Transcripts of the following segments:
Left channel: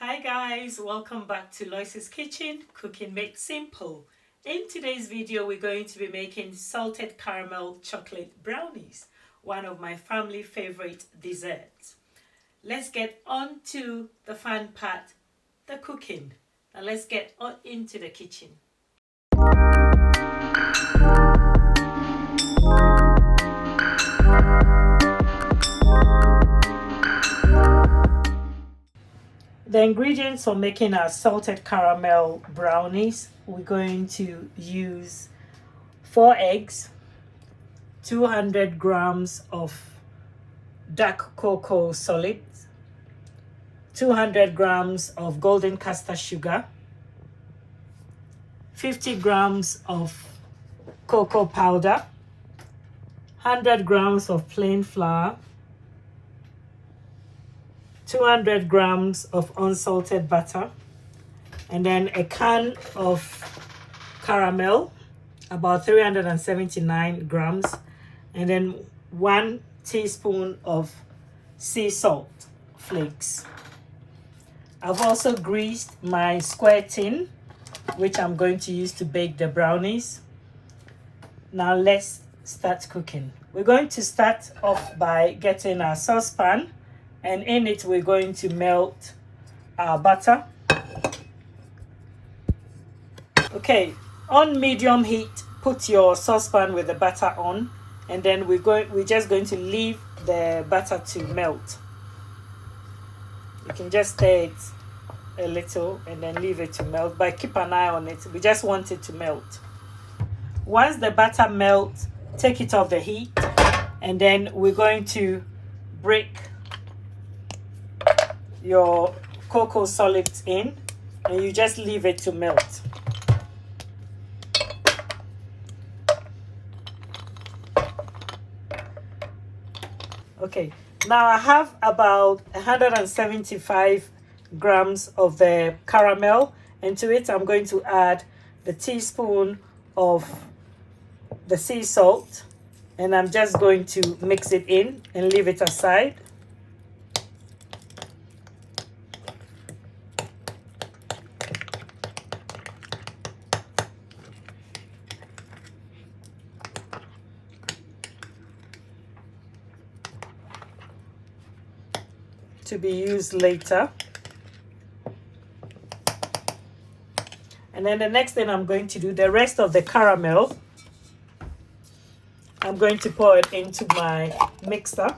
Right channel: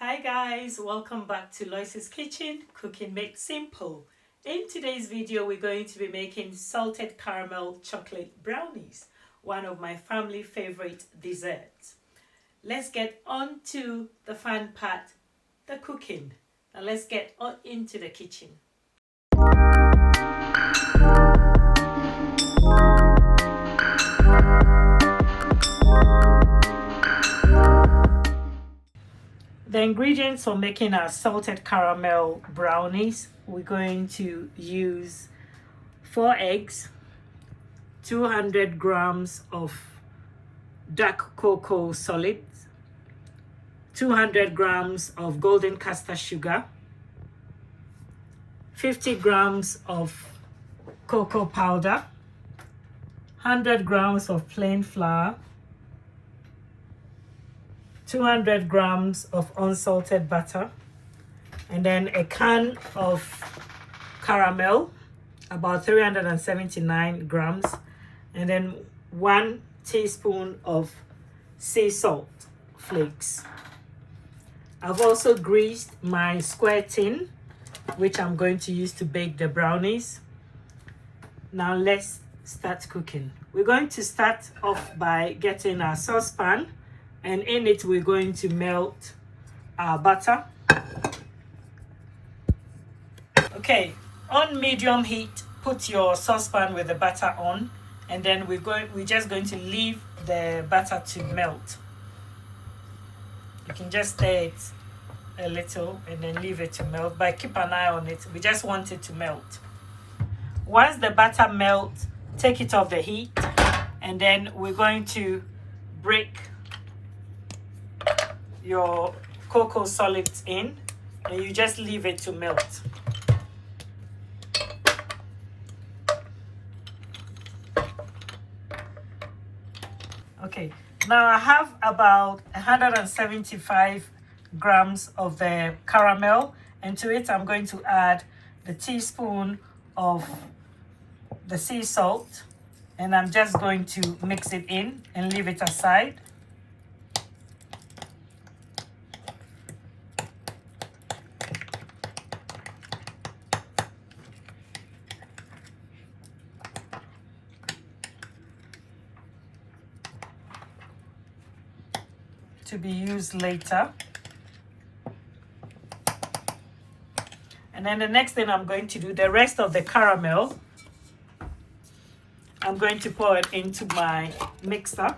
Hi guys, welcome back to Lois's Kitchen, Cooking Made Simple. In today's video, we're going to be making salted caramel chocolate brownies, one of my family favorite desserts. Let's get on to the fun part, the cooking. Now let's get on into the kitchen. The ingredients for making our salted caramel brownies, we're going to use 4 eggs, 200 grams of dark cocoa solids, 200 grams of golden castor sugar, 50 grams of cocoa powder, 100 grams of plain flour, 200 grams of unsalted butter, and then a can of caramel, about 379 grams, and then 1 teaspoon of sea salt flakes. I've also greased my square tin, which I'm going to use to bake the brownies. Now let's start cooking. We're going to start off by getting our saucepan, and in it we're going to melt our butter. Okay, on medium heat, put your saucepan with the butter on, and then we're just going to leave the butter to melt. You can just stir it a little and then leave it to melt, but keep an eye on it. We just want it to melt. Once the butter melts, take it off the heat, and then we're going to break your cocoa solids in, and you just leave it to melt. Okay, now I have about 175 grams of the caramel, and to it I'm going to add the teaspoon of the sea salt, and I'm just going to mix it in and leave it aside. To be used later. And then the next thing I'm going to do, the rest of the caramel, I'm going to pour it into my mixer.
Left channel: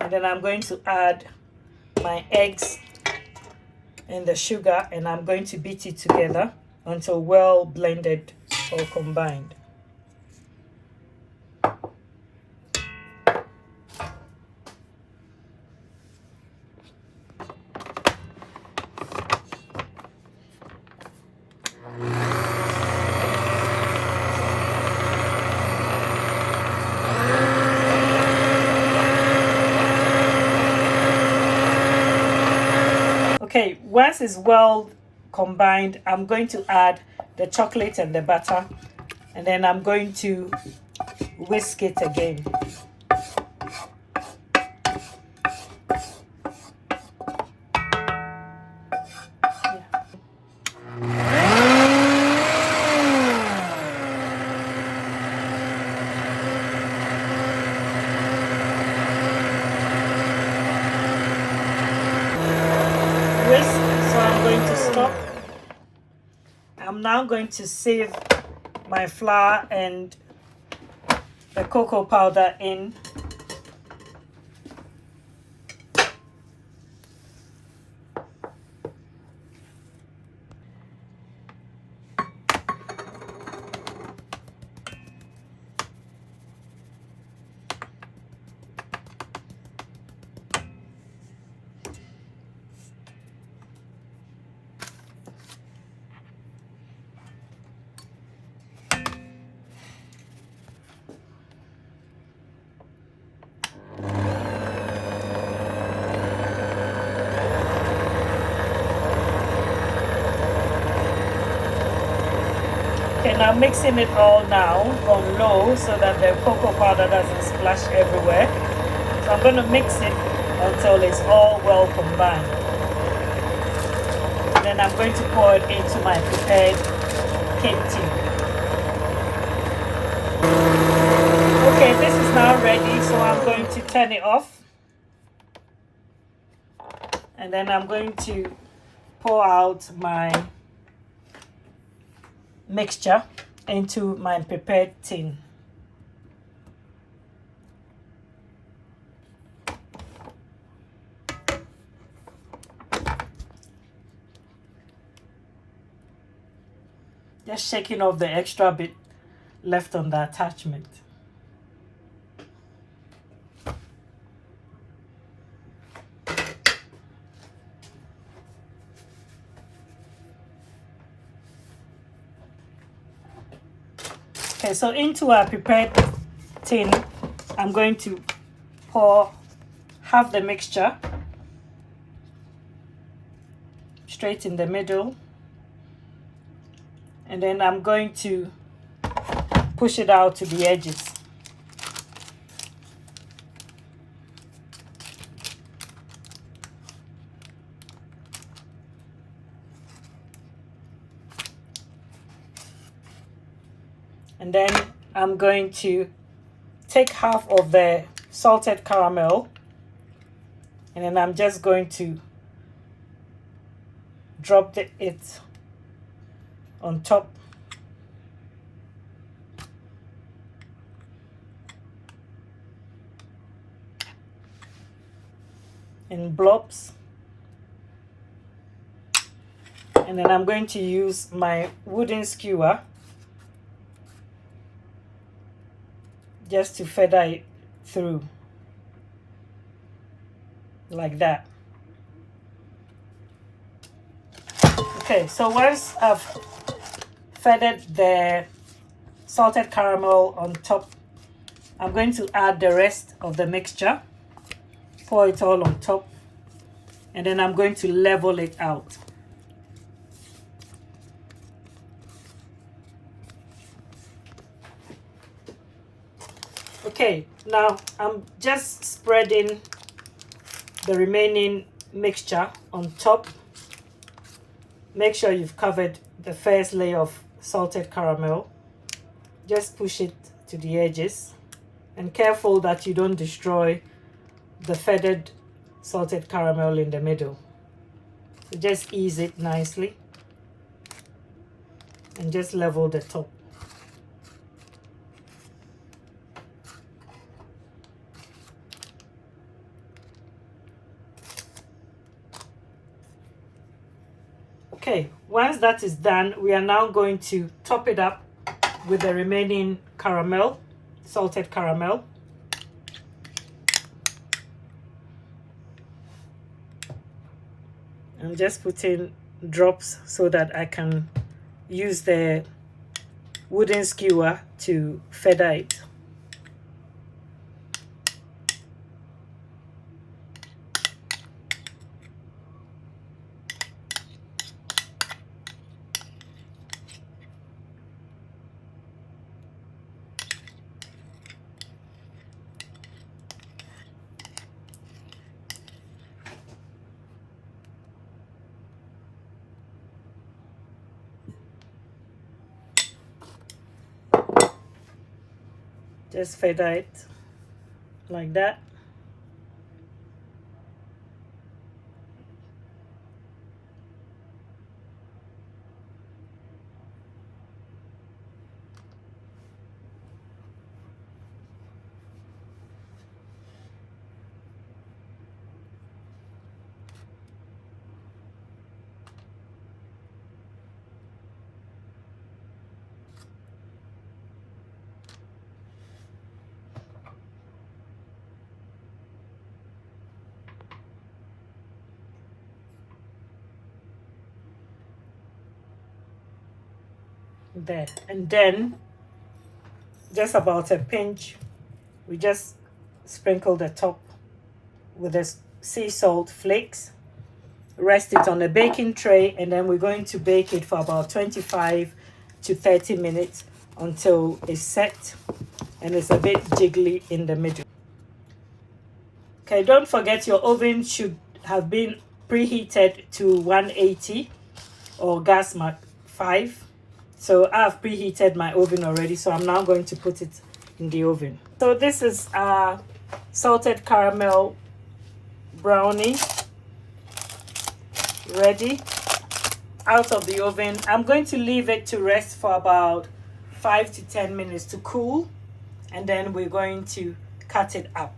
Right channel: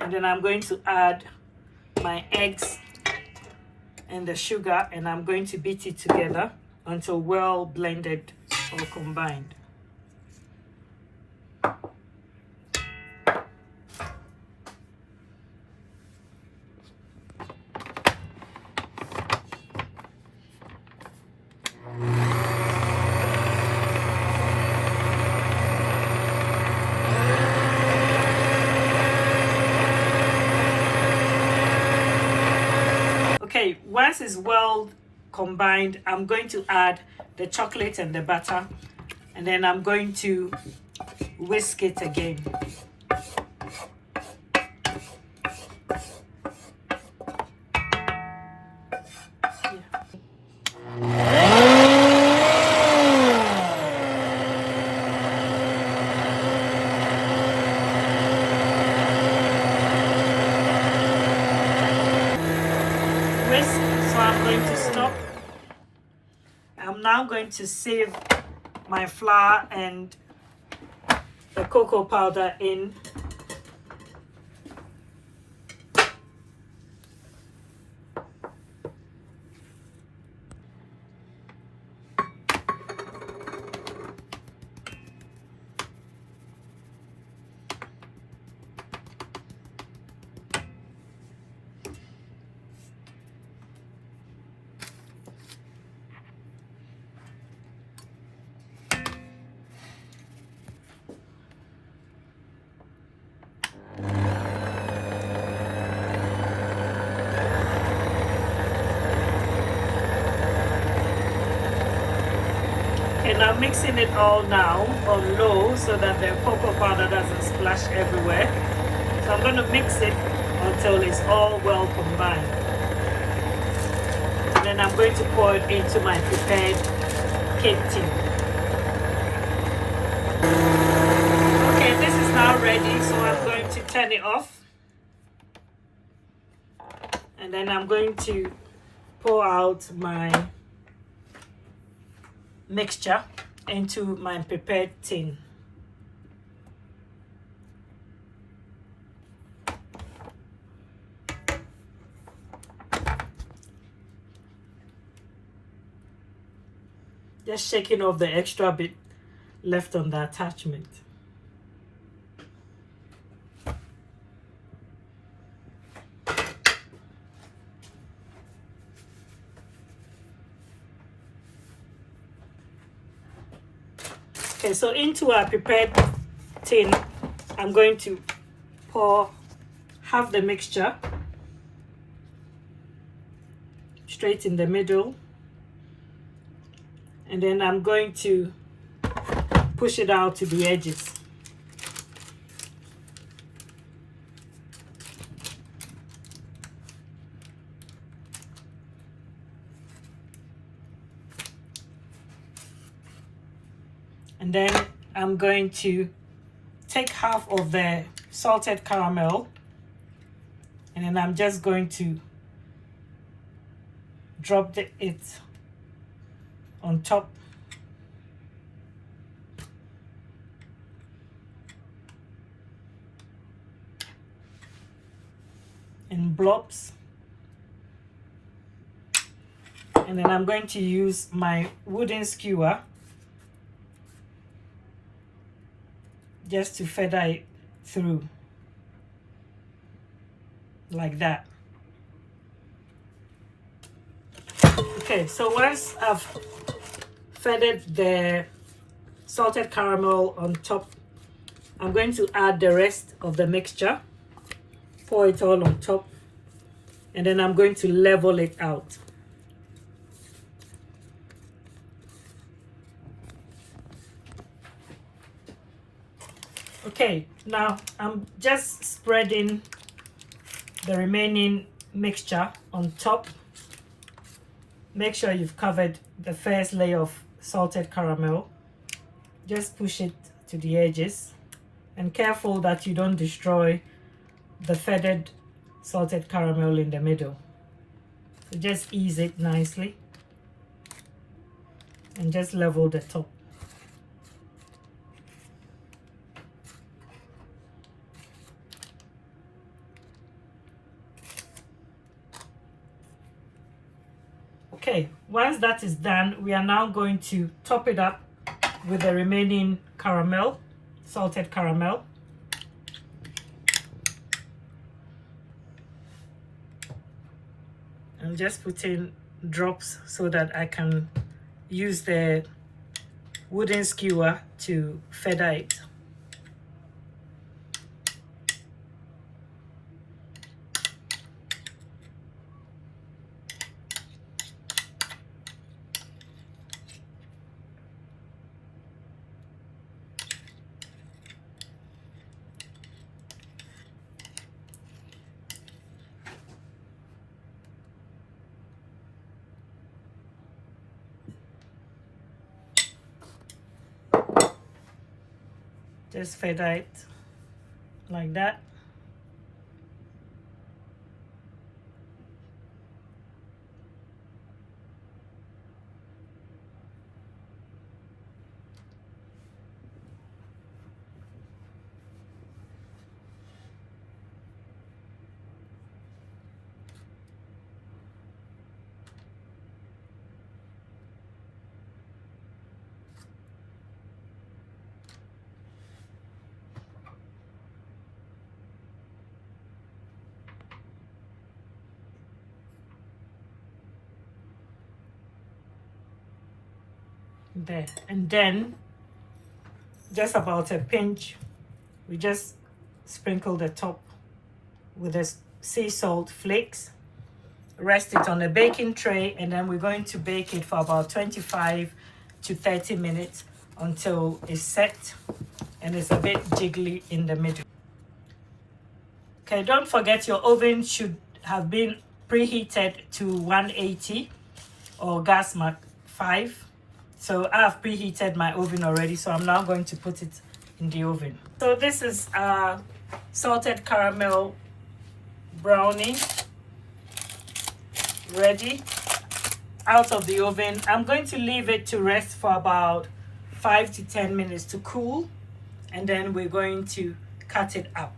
And then I'm going to add my eggs and the sugar, and I'm going to beat it together until well blended or combined. Okay, once it's well combined, I'm going to add the chocolate and the butter, and then I'm going to whisk it again. So I'm going to stop. I'm now going to sieve my flour and the cocoa powder in. then I'm mixing it all now on low so that the cocoa powder doesn't splash everywhere. So I'm going to mix it until it's all well combined. And then I'm going to pour it into my prepared cake tin. Okay, this is now ready, so I'm going to turn it off. And then I'm going to pour out my mixture into my prepared tin. Just shaking off the extra bit left on the attachment. Okay, so into our prepared tin, I'm going to pour half the mixture straight in the middle, and then I'm going to push it out to the edges. And then I'm going to take half of the salted caramel, and then I'm just going to drop it on top. In blobs. And then I'm going to use my wooden skewer just to feather it through like that. Okay, so once I've feathered the salted caramel on top, I'm going to add the rest of the mixture, pour it all on top, and then I'm going to level it out. Okay, now I'm just spreading the remaining mixture on top. Make sure you've covered the first layer of salted caramel. Just push it to the edges, and careful that you don't destroy the feathered salted caramel in the middle. So just ease it nicely and just level the top. Okay, once that is done, we are now going to top it up with the remaining caramel, salted caramel. I'm just putting drops so that I can use the wooden skewer to feather it. Just feather it like that. There, and then just about a pinch, we just sprinkle the top with the sea salt flakes, rest it on a baking tray, and then we're going to bake it for about 25 to 30 minutes until it's set and it's a bit jiggly in the middle. Okay, don't forget your oven should have been preheated to 180 or gas mark 5. So I've preheated my oven already, so I'm now going to put it in the oven. So this is salted caramel brownie ready out of the oven. I'm going to leave it to rest for about 5 to 10 minutes to cool, and then we're going to cut it up.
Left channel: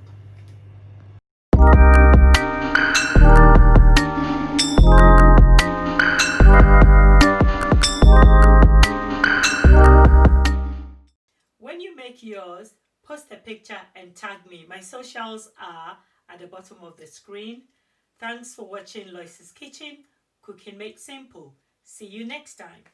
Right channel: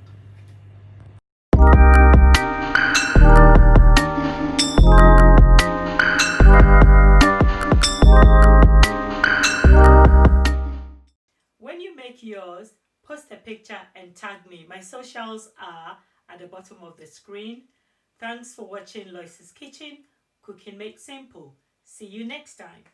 When you make yours, post a picture and tag me. My socials are at the bottom of the screen. Thanks for watching Lois's Kitchen. Cooking made simple. See you next time.